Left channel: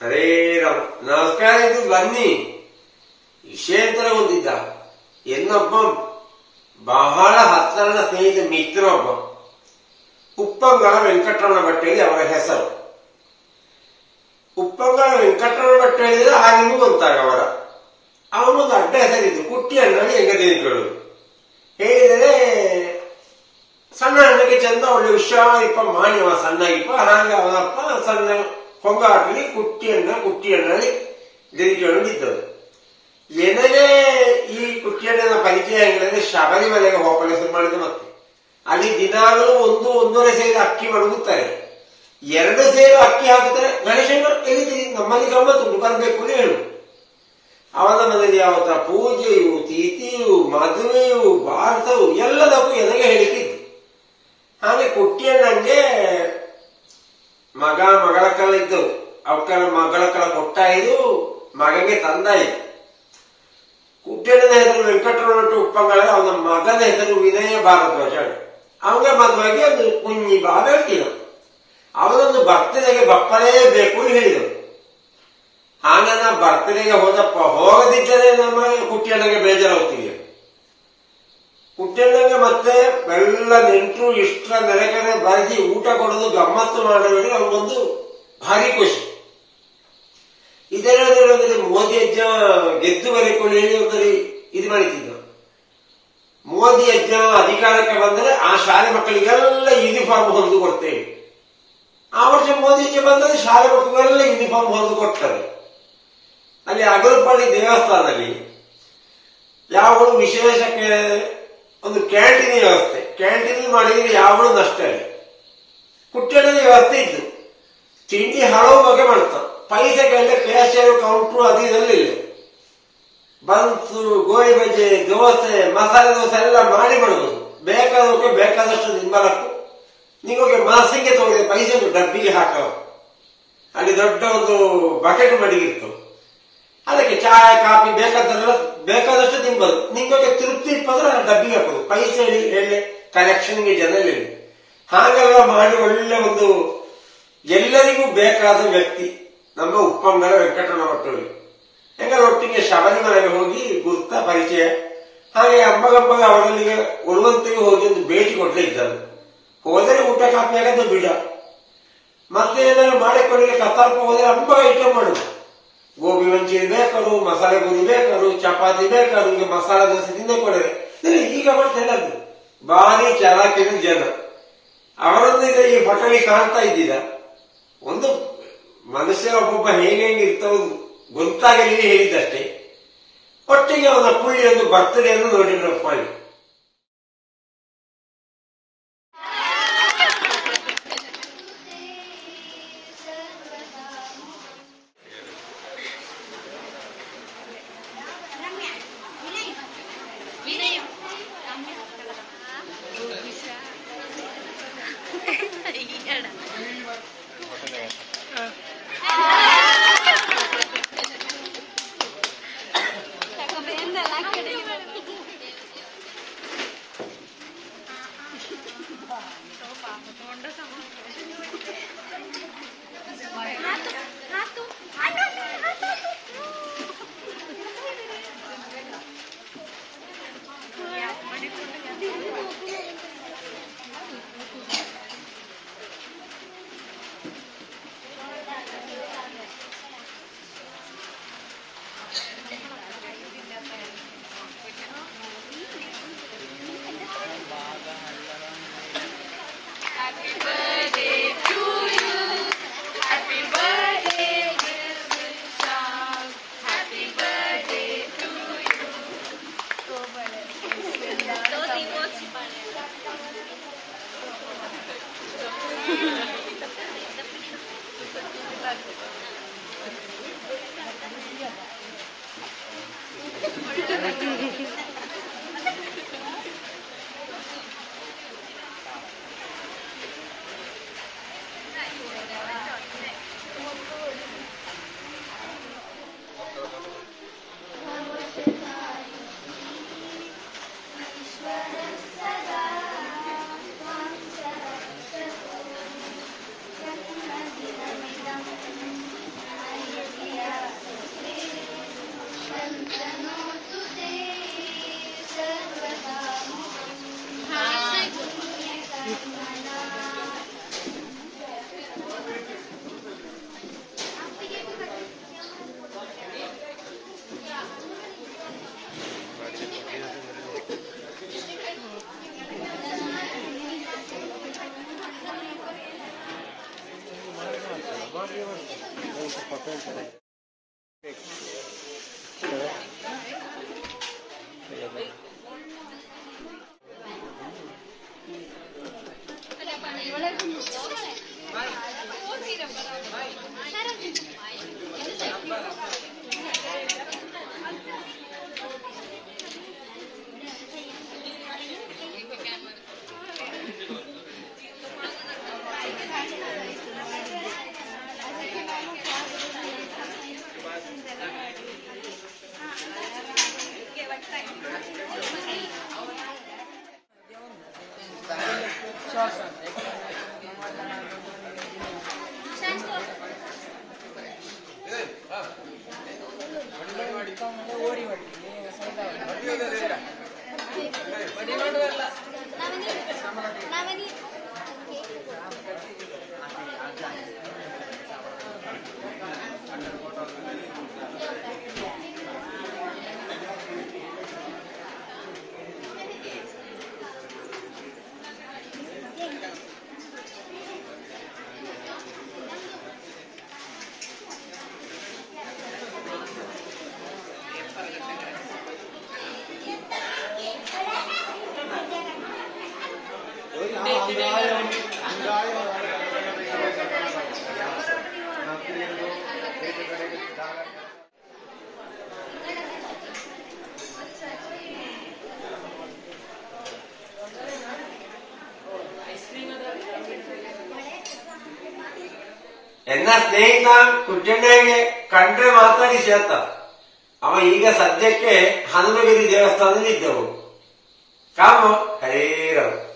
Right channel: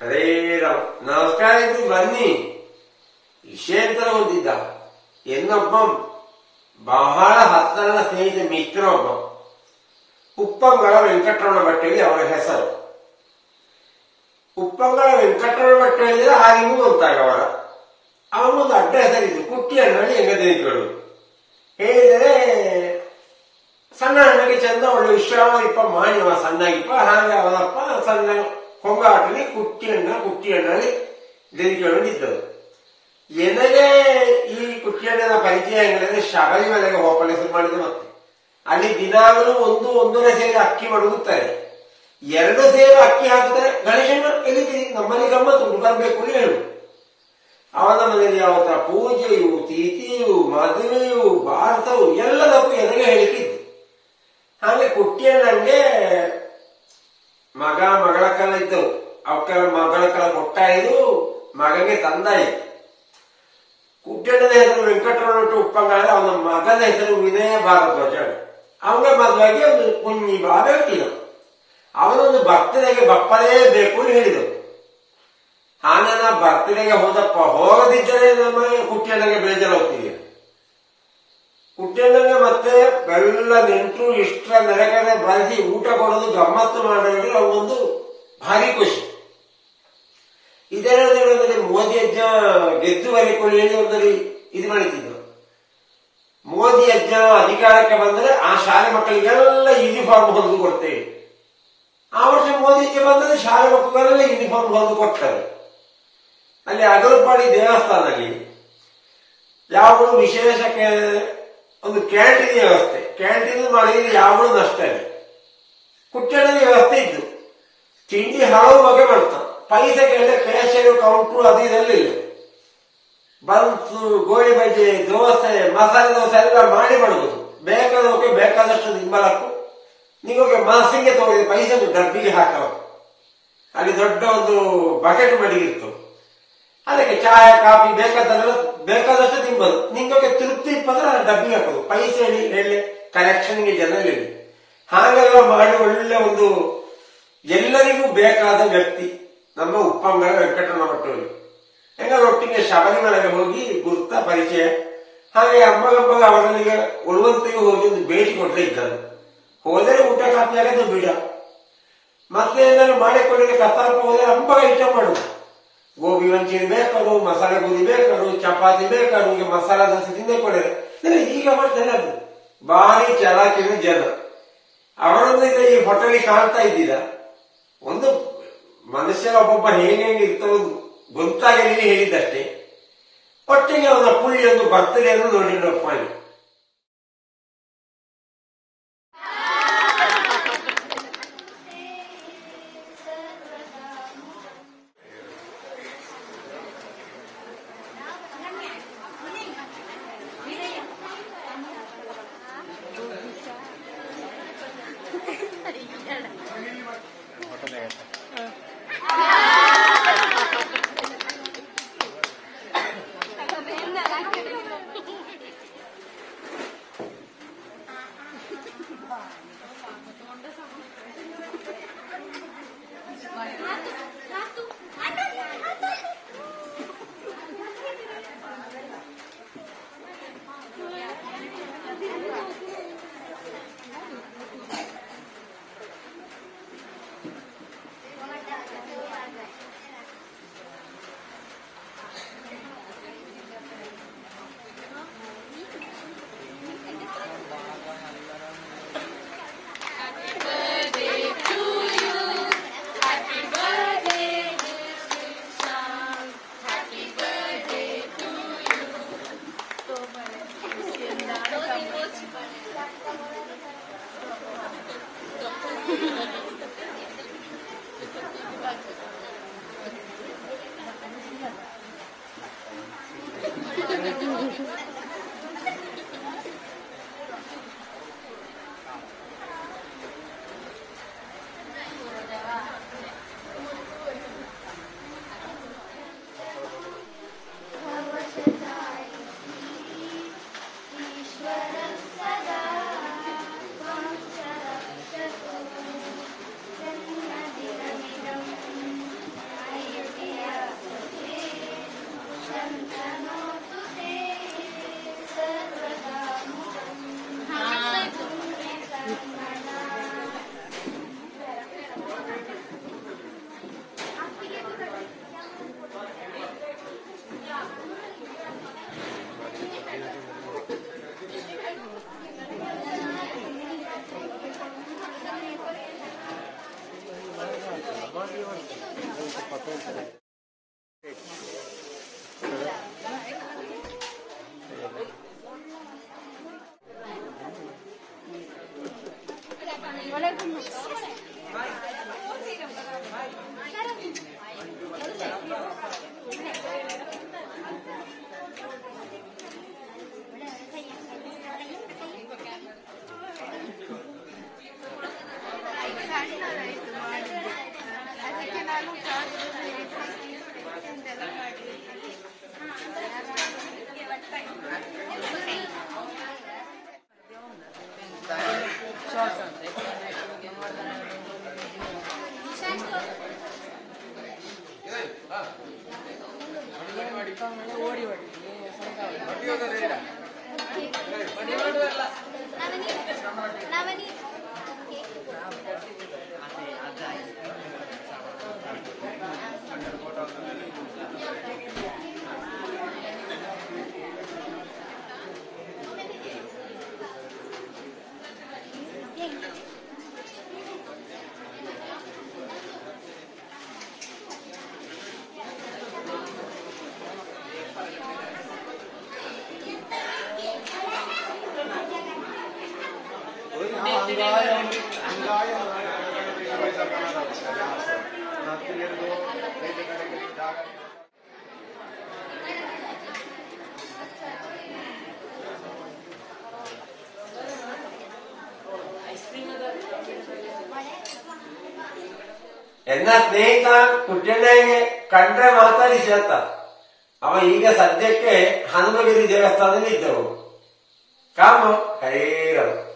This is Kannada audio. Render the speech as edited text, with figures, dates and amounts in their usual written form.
ಹರೇ ರಾಮ್. ನಮಸ್ಕಾರ. ಇದು ಬನ್ನಿ ವಿಷಯಂತರ ಹೊಂದಿದ್ದ എന്നൊಬ್ಬ ಬಹಳ ಹತ್ತಿರದ ಸ್ನೇಹಿತ ಮಿತ್ರ ಒಬ್ಬ ಉಪ್ಪಂಗಳ ವೆಂಕಟರಮಣ ಭಟ್ ಹೇಳಿ ಅವರ ಹೆಸರು. ಉಪ್ಪಂಗಳ ವೆಂಕಟರಮಣ ಭಟ್ ಹೇಳಿದ್ರೆ ಆಗಿನೂ ಗೊತ್ತಾಗ ಅವನೊಂದು ಅಡ್ಡ ಹೆಸರಿದ್ದು ಕುಟ್ಟಿ ಅಣ್ಣಿ ಹೆಂಗದೇನಿಗಳು ಹೇಳಿದರೆ ಸಣ್ಣ ಅಣ್ಣಗೆ ಚಂದ ಒಳ್ಳೆ ವಿಶ್ರಾಮಿಪ್ಪ ಮಾಡಿವ ಸಣ್ಣಗಿಪ್ಪ ಹಾಗೆ ಅವನಪ್ಪ ಸಣ್ಣ ಕೊಂಗಾಟಲಿ ಕುಟ್ಟಿ ಅಣ್ಣಿ ದೇನಿಕೊಂಡಿದ್ದರು. ಎನಗೆ ಈ ಕುಟ್ಟಿಯಣ್ಣನ ಪರಿಚಯ ಹೆಂಗಂದ್ರೆ ಶಬರಿಮಲೆಗೆ ಹೋಗಲು ಶುರು ಮಾಡಿದ್ದು. ಮತ್ತೆ ಅಲ್ಲಿ ದಿನಾಗಲೂ ಒಂದೂವರೆ ಸೇರು ಅಕ್ಕಿ ಮಡಗುತ್ತಾರೆ. 2 ಸೇರು ಅಕ್ಕಿ ಹಾಕಿದ್ರೆ ಗಣೇಶನ ಎಲ್ಲಿದ್ದೀರಿ ನಮ್ಮಲ್ಲಿ ಗಮ್ಮತ್ತು ಬರಬೇಕು ಹೇಳು. ಅವನ ಮನೆಯಲ್ಲಿ ಯಾವತ್ತ ಪೂಜೆಯು ತಿಥಿಯು ಮದುವೆಯು ಭಾರತವು ಎಲ್ಲದಕ್ಕೂ ಎನಗೆ ಹೇಳಿಕಿದ್ದು. ಹಾಗೆ ಕುಟ್ಟಿಯಣ್ಣಂಗೆ ಮಗಳಕ್ಕಲ್ಲ ಇದ್ದವು. ಅವಕ್ಕಲ್ಲ ಮಗಳಕ್ಕಲ್ಲ ಕೊಟ್ಟಾಯಿತು, ಮಗಗೆ ತಂದಾಯಿತು. ಕುಟ್ಟಿಯಣ್ಣನ ಹೆಸರು ವೆಂಕಟರಮಣ ಉಪ್ಪಂಗಳ, ಅವನ ಮಗನ ಹೆಸರು ವಿನಯ ಭಾರದ್ವಾಜ. ಅವನಿಗೆ ಮದುವಾಗಿ ಒಂದು ಕುഞ്ഞി ಬಾಬ ಇಟ್ಟಿದ. ಅವನೊಂದು ಬರ್ತಡೆಗೆ ಬಪ್ಪಲೇಬೇಕು ಹೇಳಿದರು. ಹಾಗೆ ನಾ ಬರ್ತಡೆಗೆ ಹೋದಪ್ಪ. ಹೋಗದಿದ್ದರೆ ನಮಗೆ ಕುಟ್ಟಿಯಣ್ಣಗೆ ಬೇಜಾರಾಗ್ತೀವಿ. ಕುಟ್ಟಿಯಣ್ಣಗೆ ಮತ್ತೆ ಎಲ್ಲ ನೆಂಟರು ಇಷ್ಟರ ನೆರೆಕರೆ ಬರೆಸಿ ಊಟ ಕೊಡೋದು ಗಮ್ಮತ್ತು ಮಾಡೋರಿಗೆ ಅವನೊಂದು ಭಾರಿ ಖುಷಿ. ಇದರಲ್ಲಿ ಮೋದಿ ಅಜ್ಜ ಗೆದ್ದು ಬರೆಕೊಳ್ಳಿ ಹೇಳಿ ಒಂದಲ್ಲಿ ಇದು ಮಾಡಿದ್ದ. ಮೋದಿ ಅಜ್ಜ ಅಧಿಕಾರಕ್ಕೆ ಬಂದರೆ ಆ ಶಾಲೆ ಮಕ್ಕಳಿಗೆಲ್ಲ ಯೂನಿಫಾರ್ಮ್ ಹೊಂದು ಕೊಡ್ತೇವೆ. ಆ ವರ್ಷ ಮೋದಿ ಅಜ್ಜ ಬಂದರೆ ಶಾಲೆ ಮಕ್ಕಳಿಗೆಲ್ಲ ಯೂನಿಫಾರ್ಮ್ ಹೊಂದು ಕೊಡ್ತಾರೆ. ಅಲ್ಲಿ ಅಗರಪಾಡಿ ದೇವಸ್ಥಾನದಲ್ಲಿ ಯಾವುದು ವಿಶೇಷಕ್ಕೆ ಒಂದು ಕ್ಯಾಂಟೀನ್ ವ್ಯವಸ್ಥೆ. ಕ್ಯಾಂಟೀನ್ ಮಾಡಿದ್ರೆ ಯಾವುದು ನಷ್ಟ ಇದೆ. ಕುಟ್ಟಿಯಣ್ಣನ ವ್ಯವಸ್ಥೆ ಇದ್ದು ತಿಂಡಿ ಹಲವು ಬಗೆ ಮಾಡ್ತಾನೆ. ಪೈಸೆಗೆಲ್ಲ ಕ್ಯಾಶಿಯರ್ ಕೌಂಟ್ರು ಅದು ಇದೆಲ್ಲ ಬನ್ಸು, ಗೋಳಿ ಬಜ್ಜೆ, ದೋಸೆ, ಮಸಾಲೆ ದೋಸೆ ಎಲ್ಲ ಮಾಡಿ ಮಾಡುವುದು. ಬೇಕಾದವಕ್ಕೆ ಬೇಕಾದಷ್ಟು ನಿಂಬಲಕ್ಕೂ ನಿಮಗೆ ಮನಸ್ಸಿಗೆ ತಗೊಂಡಿದೆ ಪೈಸೆ ಡಬ್ಬಿಗೆ ಹಾಕವ. ಅಲ್ಲಿ ದೊಡ್ಡ ಒಂದು ಬಕೆಟ್ ಮಡಿಗಿತ್ತು. ಅದಕ್ಕೆ ಚಾಯ ಕಾಫಿ ಬೇಕಾದಷ್ಟು ತಿಂಬದು. ನಿಮಗೆ ತೃಪ್ತಿ ಇಪ್ಪಂದ್ರೆ ಅಲ್ಲಿ ಡಬ್ಬಿಗೆ ಹಾಕೋದು. ಪೈಸೆ ಹೇಳಿ ಕನೆಕ್ಷನ್ಗೆ ಜನರಲ್ಲಿ ಹಾಗೆಲ್ಲ ಮಾಡಿ ಒಳ್ಳೆ ಒಂದು ಎಲ್ಲರಿಗೂ ಬೇಕಾದ ವ್ಯಕ್ತಿ ನಮ್ಮ ಉಪ್ಪಂಗರ ವೆಂಕಟರಮಣ ಭಟ್ಟರು. ಹೆಂಗಲ್ಲ ಒಟ್ಟಿಗೆ ಶಬರಿಮಲೆಗೆ ಹೋಗಿ ಗುರ್ತ ಪರಿಚಯ. ಹಾಗೆ ಅಮ್ಮಗಮ್ಮಗ ಅವರಲ್ಲಿಗೆ ಉಳುವಂತಿಗೆ ಹೋಗಿ ಒಂದು ಭೇಟಿ ಕೊಟ್ಟೇ ಇದ್ದರು. ಹೋದರೆ ಊಟ ಕಾಪಿ ಆಗೋದು ಬಿಡ. ಮತ್ತೆ ಏನಾದ್ರು ಮಾಡಿಕೊಳ್ಳಿಕ್ಕೆ ಕತ್ತಲ್ಪ ಹೋದರೆ ಅಮ್ಮಗ ಐಟಮ್ ಮಾಡುದು. ಗೋಬಿ ಮಂಚೂರಿ ಬೇಕಾರು, ಮಸಾಲೆ ಪೂರಿ ಬೇಕಾರು, ಚಪಾತಿ ಬೇಕಾರು, ಈಗ ಮಸಾಲ ದೋಸೆ ತಿಂದ ಕೊಡರೆ ಈಗ ಮಾಡ್ತಾರೆ. ಅದು ಭಾರಿ ಚಲಾಕಿನ ಜನ. ಅವರನ್ನು ಈಗ ಈ ಹೋಟೆಲಿಗೆ ಕಾಣ್ತಾ ಇದ್ದಿದ್ದ ಒಂದು ಮನುಷ್ಯ ಒಬ್ಬೊಬ್ಬ ಹೇಗೆ ಇರ್ತವೆ ಗೊತ್ತಾಗಲಿ ಹೇಳಿದ್ದಷ್ಟೇ. ಒಟ್ಟಿಗೆ ಅವನ ಪುಳ್ಳಿಯನ್ನು ಬರ್ತಡೆಯನ್ನು ನೋಡಿದ್ರಪ್ಪ. ಎನ್ನ ಸ್ನೇಹಿತ ಕುಚ್ಚಣ್ಣಯ್ಯಗೆ ಕಂಡ್ರೆ ಮಾತಾಡಿ ಸೇತ. ಅವ ಈಗ ಸದ್ಯಕ್ಕೆ ಹನುಮಗಿರಿ ದೇವಸ್ಥಾನದಲ್ಲಿ ಇದ್ದವು. ಕಾಮ ಹರೇರವು.